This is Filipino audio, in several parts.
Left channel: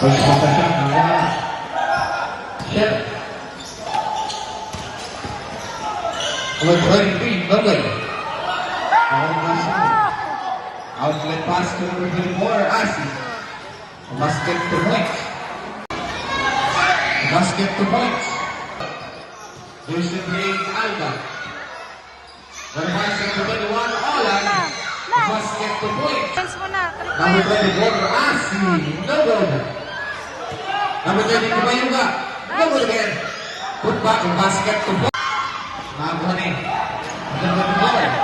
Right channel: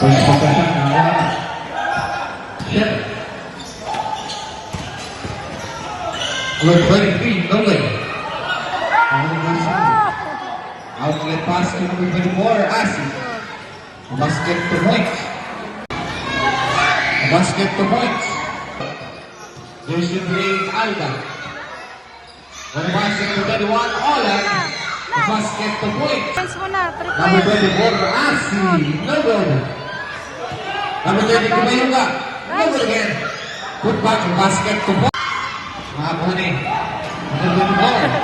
First possession, Shep. Number 23, Nolan. Outlet pass to number 24, Asi. Basket to point. Basket to point. Jersey 3, Alba. One pass to number 21, Olan. Basket to point. Number 24, Asi. No good. Number 22, Mayuga. No good again. Put back on basket to point. Mahabon eh. Number 24.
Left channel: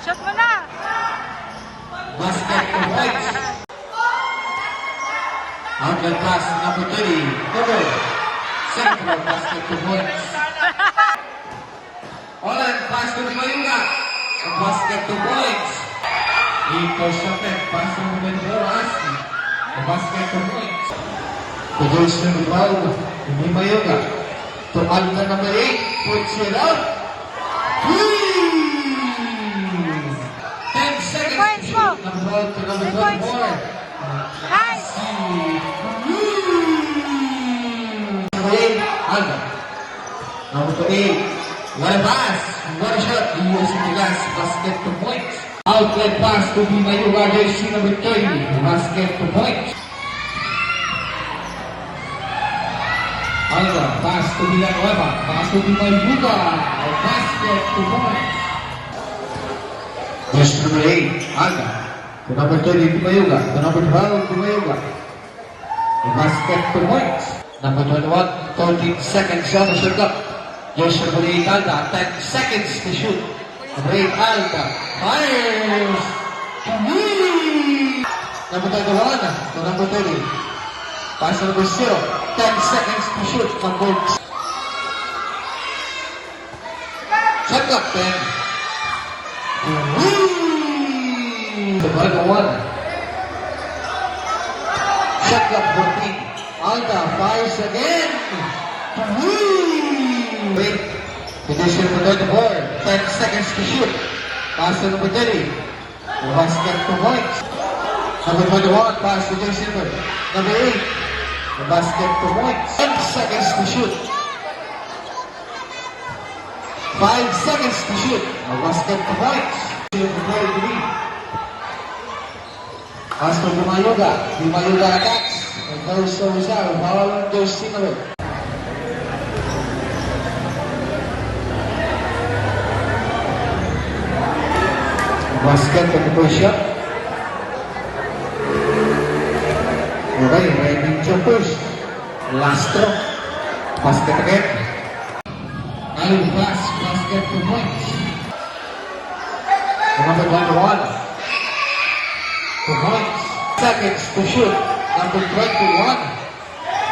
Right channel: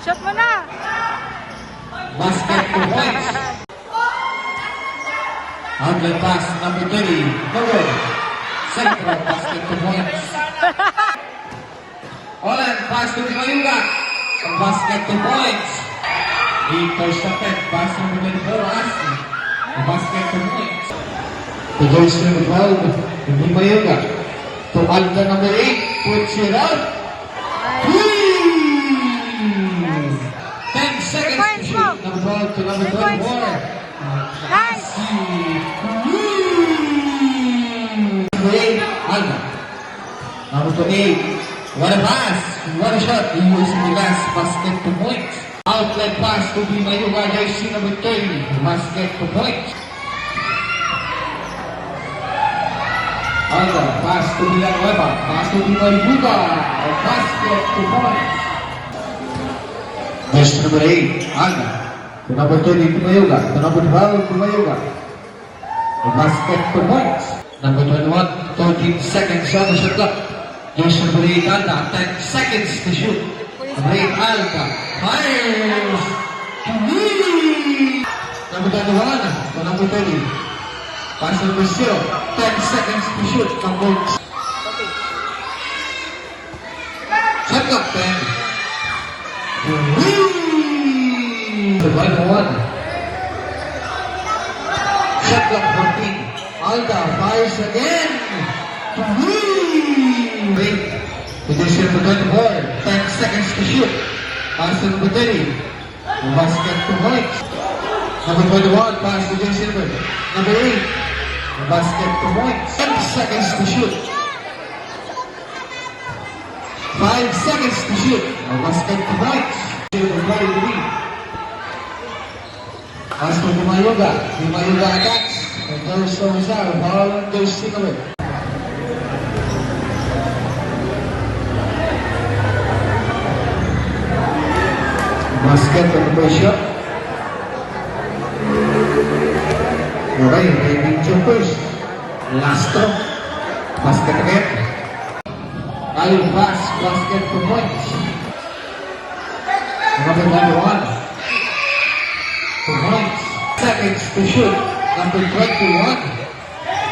Shot mo na! Basket to point. Outlet pass number 30. No good. Central basket to point. Olan pass to Mayuga. Basket to point. Intercepted pass number 24. Asi. Basket to point. To Joyce number 12. Mayuga. To Alta number 8. Puts it out. 10 seconds to shoot. Number 12 to number 24. Nice! Number 8, Alta. Number 28, what a pass. What a shot. He was in the last basket to point. Outlet pass to be Mayuga, jersey number 30. Basket to point. Alta, pass to Villanueva. Pass to be Mayuga. Basket to point. Verse number 8, Alta. To number 30 to Mayuga. To number 12 to Mayuga. Basket to point. Number 21, 13 seconds on the shot clock. Verse number 8, Alta. 10 seconds to shoot. Number 8, Alta. Fires. Number 21 to number 30. Pass number 0. 10 seconds to shoot. Number shot clock 10. Number 1. Shot clock 14. Alta fires again. Wait. Position number 24. 10 seconds to shoot. Pass to number 30. Basket to point. Number 21. Pass to Jay Silver. Number 8. Basket to point. 10 seconds to shoot. 5 seconds to shoot. Basket to point. Number 43. Pass to Mayuga. Mayuga attacks. And there's no result. Ball goes Silver. Basket and the shot. Okay, ready to push. Last throw. Basket again. I'll pass. Basket to point. Number 1. To point. Seconds to shoot. Number 21.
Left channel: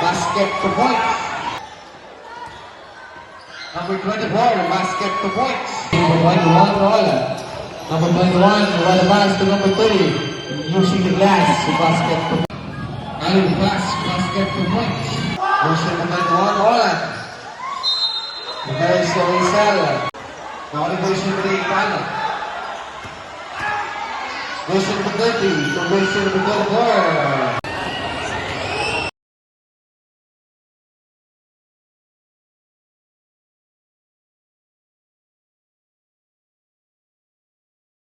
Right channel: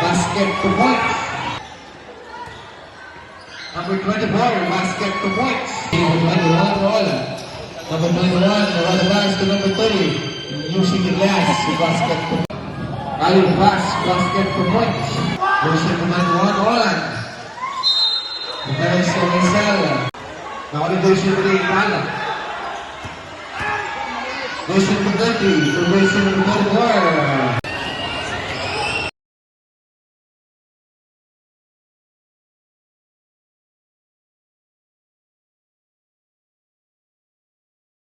Basket to point. Number 24. Basket to point. Number 21 to Olan. Number 21, run pass to number 30. Using the glass to basket to point. I'll pass. Basket to point. Using the 21, Olan. There's the Rizal. Now the version of the Ipala. Version of the 30. The version of the 24.